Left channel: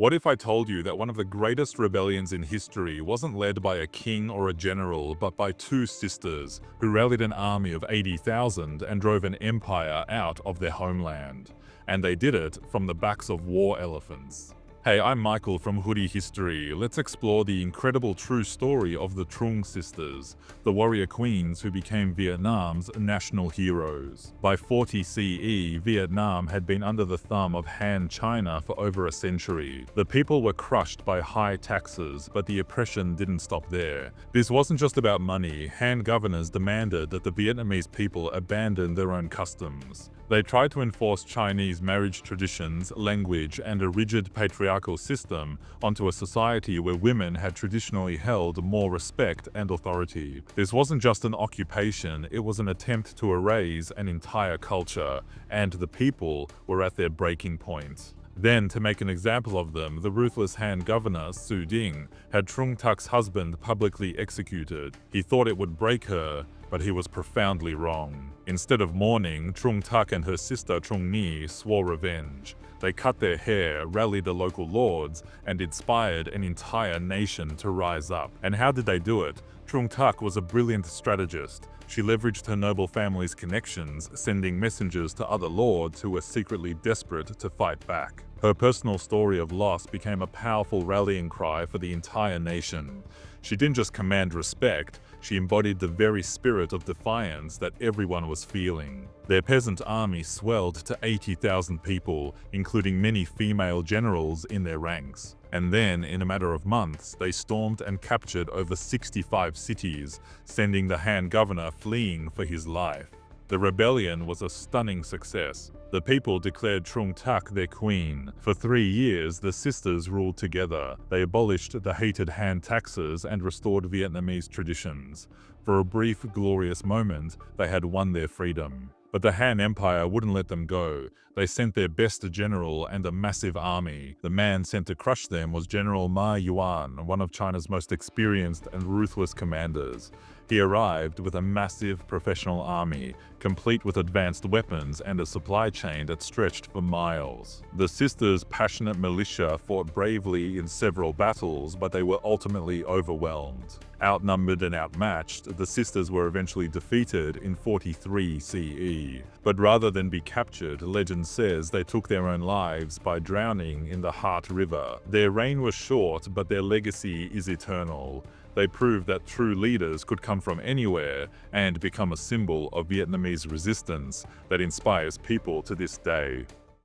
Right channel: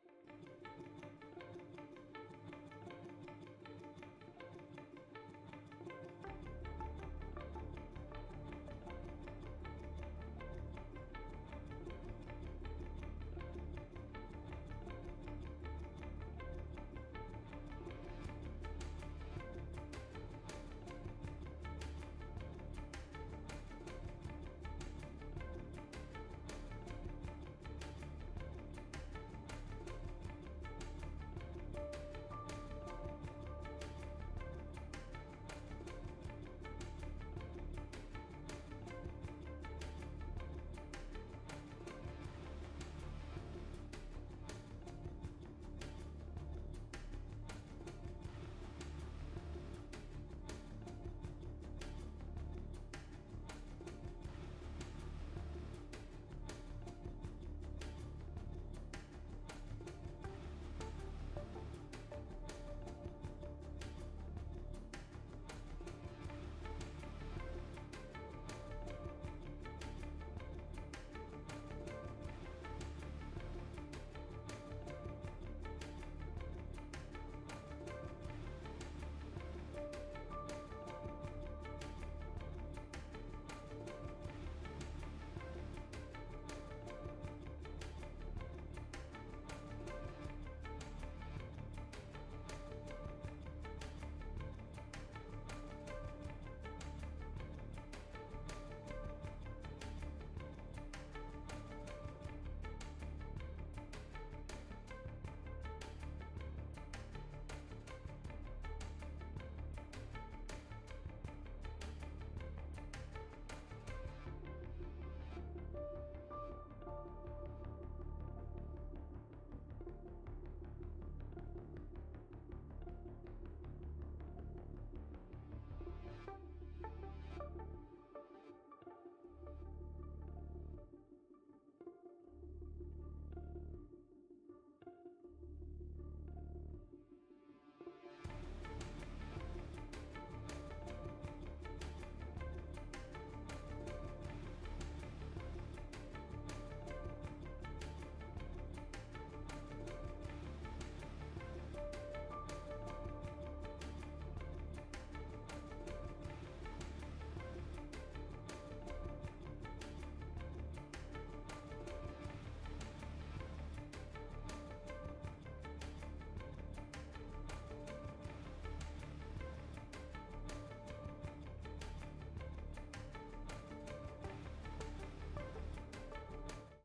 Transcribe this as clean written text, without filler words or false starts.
What if I told you that one of the greatest rebellions in history wasn't led by a king or a general, but by two sisters who rallied an army of 80,000 and drove an empire out of their homeland? And they did it from the backs of war elephants. Hey, I'm Michael from Hoodie History. Let's explore the incredible true story of the Trung Sisters, the warrior queens who became Vietnam's national heroes. By 40 CE, Vietnam had been under the thumb of Han China for over a century. The people were crushed by high taxes, but the oppression didn't stop there. This wasn't just about money. Han governors demanded that the Vietnamese people abandon their own customs. They tried to enforce Chinese marriage traditions, language, and a rigid patriarchal system onto a society where women had traditionally held more respect and authority. This wasn't just an occupation, it was an attempt to erase an entire culture, and the people were at their breaking point. Then, to make an example of them, the ruthless Han governor, Su Ding, had Trưng Trac's husband publicly executed. He thought it would break her, but he was profoundly wrong. Instead of mourning, Trưng Trac and her sister Trưng Nhị swore revenge. They cut their hair, rallied the local lords, and inspired an entire nation to rise up. And how did they do it? Trưng Trac was a brilliant strategist. She leveraged her noble family's connections, sending messengers to other lords who were secretly desperate to fight back. Her personal story of loss became a powerful rallying cry for the entire nation. She didn't just command respect, she embodied the very spirit of defiance that everyone was feeling. Their peasant army swelled to 80,000 people, including many female generals in their ranks. And then, in a matter of months, they stormed and captured over 65 cities, sending the Han governor fleeing for his life. The rebellion was a stunning success. The people declared Trưng Trac their queen. For 3 years, the sisters ruled together. They abolished the hated Han taxes and restored Vietnamese traditions. For a brief, glorious moment, they had won their freedom. But the Han Empire wouldn't let them go. They sent their best general and a massive army. The man sent to crush them was General Ma Yuan, one of China's most experienced and ruthless commanders. He arrived with a massive professional army, complete with advanced weapons and a supply chain that stretched for miles. The sisters' passionate militia fought bravely in several battles, but they were ultimately overwhelmed. Outnumbered and outmatched, the sisters were eventually defeated in 43 CE. But rather than be captured, legend says they took their own lives by drowning in the Heart River. Their reign was short, but their legacy is eternal. They proved that true leaders could come from anywhere and become a symbol of Vietnamese resistance that inspires people to this day.